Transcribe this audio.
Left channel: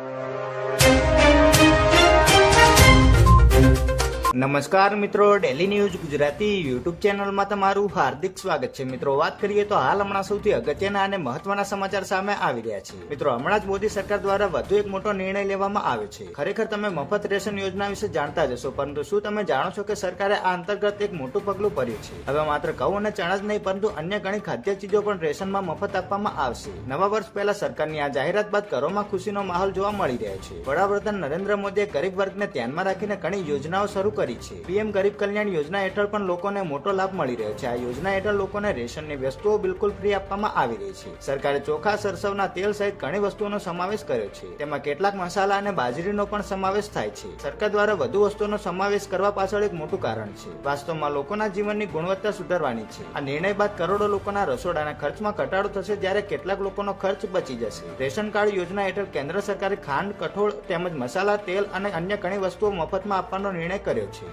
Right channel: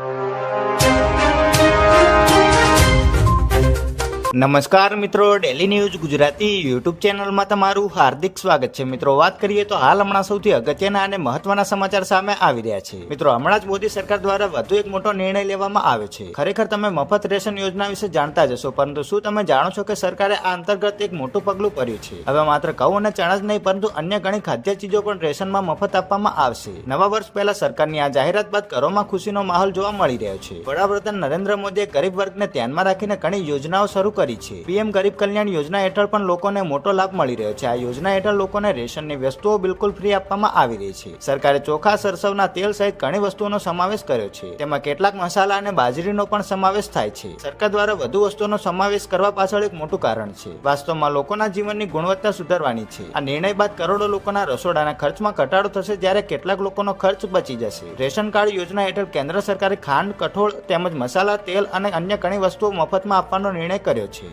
you. નમસ્કાર મિત્રો daily news Gujarati YouTube ચેનલમાં તમારું હાર્દિક સ્વાગત છે. મિત્રો, વાત કરીએ તો હાલ હમણાં સૌથી અગત્યના અને મહત્વના સમાચાર સામે આવી રહ્યા છે. મિત્રો, હમણાં જ મોદી સરકાર દ્વારા વધુ એક મોટો નિર્ણય લેવામાં આવ્યો છે. ખરેખર તમે મફત રેશન યોજના વિશે જાણતા જશો પરંતુ શું તમે જાણો છો કે સરકારે આ અંતર્ગત એક મોટું પગલું ભર્યું છે? હવે માત્ર ઘઉં અને ચણા જ નહીં, પરંતુ અન્ય ઘણી ખાદ્ય ચીજો પણ રેશનમાં મફત આપવામાં આવશે. નવા વર્ષ પહેલા સરકારની આ જાહેરાત બાદ ઘરોમાં ખુશીનો માહોલ જોવા મળી રહ્યો છે. વડાપ્રધાન નરેન્દ્ર મોદીએ ગરીબ વર્ગને ધ્યાનમાં રાખીને ઘણી યોજનાઓ શરૂ કરી છે. પીએમ ગરીબ કલ્યાણ યોજના હેઠળ પણ લોકોને મોટો લાભ મળી રહ્યો છે. આ યોજના હેઠળ લોકોને રેશનની વસ્તુઓ બિલકુલ ફ્રી આપવામાં આવી રહી છે. સરકારે ચોખા, સરસવના તેલ સહિત ઘણી વસ્તુઓનો સમાવેશ કર્યો છે. તેમાં કેટલાક મસાલા અને બાજરીનો પણ સમાવેશ થાય છે. સરકાર દ્વારા વધુ વસ્તુઓનો સમાવેશ કરવા પાછળ એક મોટું કારણ છે. વાસ્તવમાં લોકોના જીવનની ગુણવત્તા સુધારવાની છે. આ નિર્ણય બાદ કરોડો લોકોના રસોડાના ખર્ચમાં ઘટાડો થશે જ્યારે કેટલાક લોકોનો ખર્ચ બચી જશે. રેશન કાર્ડ યોજના હેઠળ કેન્દ્ર સરકારે ખાંડ, કઠોળ તેમજ મસાલા, તેલ અને અન્ય ઘણી વસ્તુઓ મફતમાં આપવાનો નિર્ણય કર્યો